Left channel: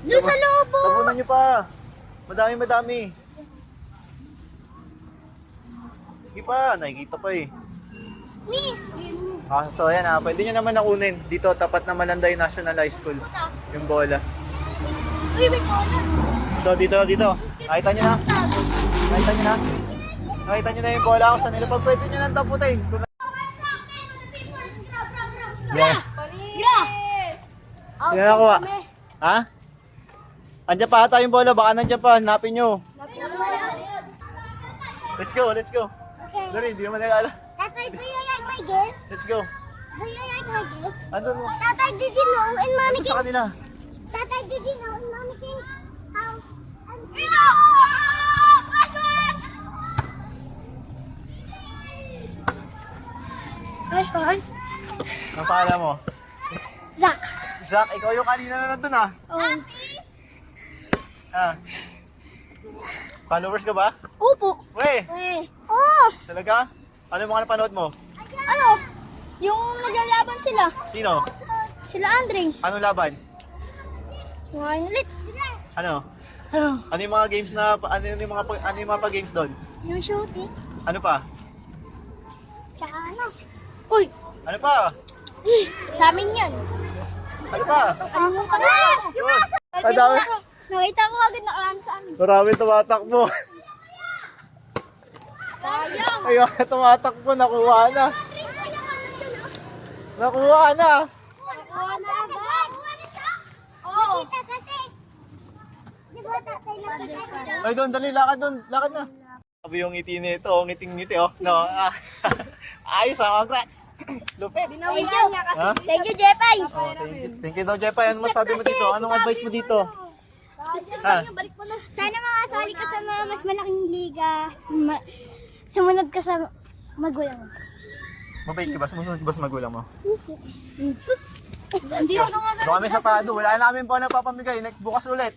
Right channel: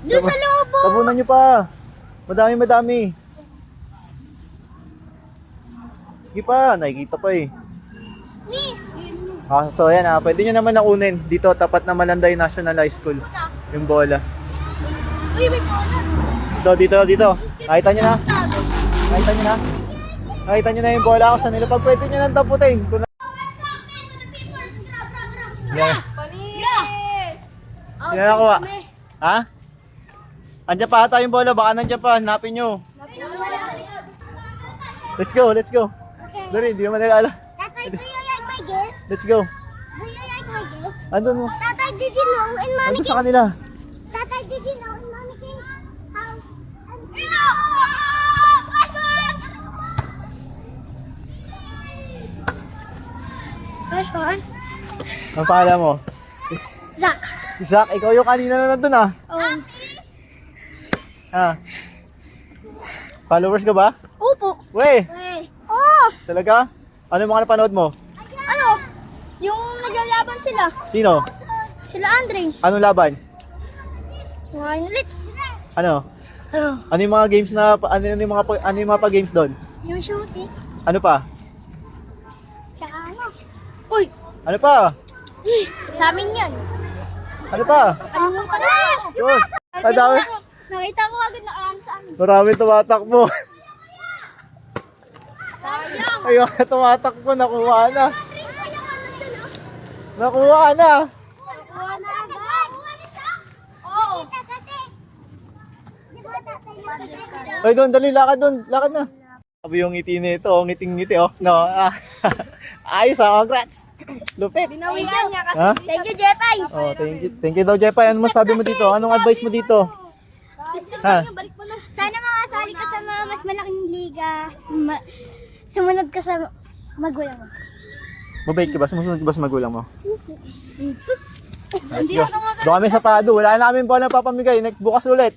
Doon sa lobo. Tabunan nyo pa. Madami. Sige pa, nakikita pa eh. So ayan pwede nyo naman nakunin. Dito, tapat na Malanday National High School. Yung bola. Uy, may bola. Dito. Nakita nyo na? Nakita nyo na yung bola kung saan nila. Pag pwede nyo nang taputin. Yeah. Sino nakuha? Ha? Andiyan pa ata yung bola. Baka nandiyan pa. Hanapin nyo. Let's go. Dali, hindi naman nila alam. Tatay, do you like my gift? Let's go. Do you like my gift? Andun mo. Tatay, did you know in Mommy Andun sa kanila. Tatay, did you know in Mommy King's house? Ay, saan? Ang pangalan mo? Zach. Zach, ikaw yung kanina na nandun ah. Oh. Followers ka ba? Upo. Wey, Oh, talaga? Ano yung mga napanood mo? ano? Yung naglalaban sila. Sino? Sila Andre. Anong laban? Ngayon ulit. Ano? Ano yung mga games na ano yung mga pa-games doon? Yung shooting. Ano pa? Tsaka ano? Uy! Ano pa? Sa amin yan. Ano pa? Ano pa na? Sus! Madami. Nakita ko agad na sa amin. Marami tumatakbo. Sayang. Ayun, tumatakbo. Nakuha na. Nakuha na. Oo. Ay, doon, dali. Lakad doon. Lakad na. Sabi yung ngiti nito. Ngiting-ngiti, oh. No, ayos, congrats. Lupit. Binawin niya kasi. Ha? Thank you, Jepay. Oh, thank you. Thank you daw, Jepay. Ano masabi mo dito? Anong advice mo dito? Ha? Sana makasali ka sa mga mas malaking liga. Sumunod ka sa magulang mo. Mabait ka ba? Sumusunod ka ba sa magulang mo? Hindi ako Doon kami sa Pado. Wala na kami pa na papamigay. Next bukas ulit.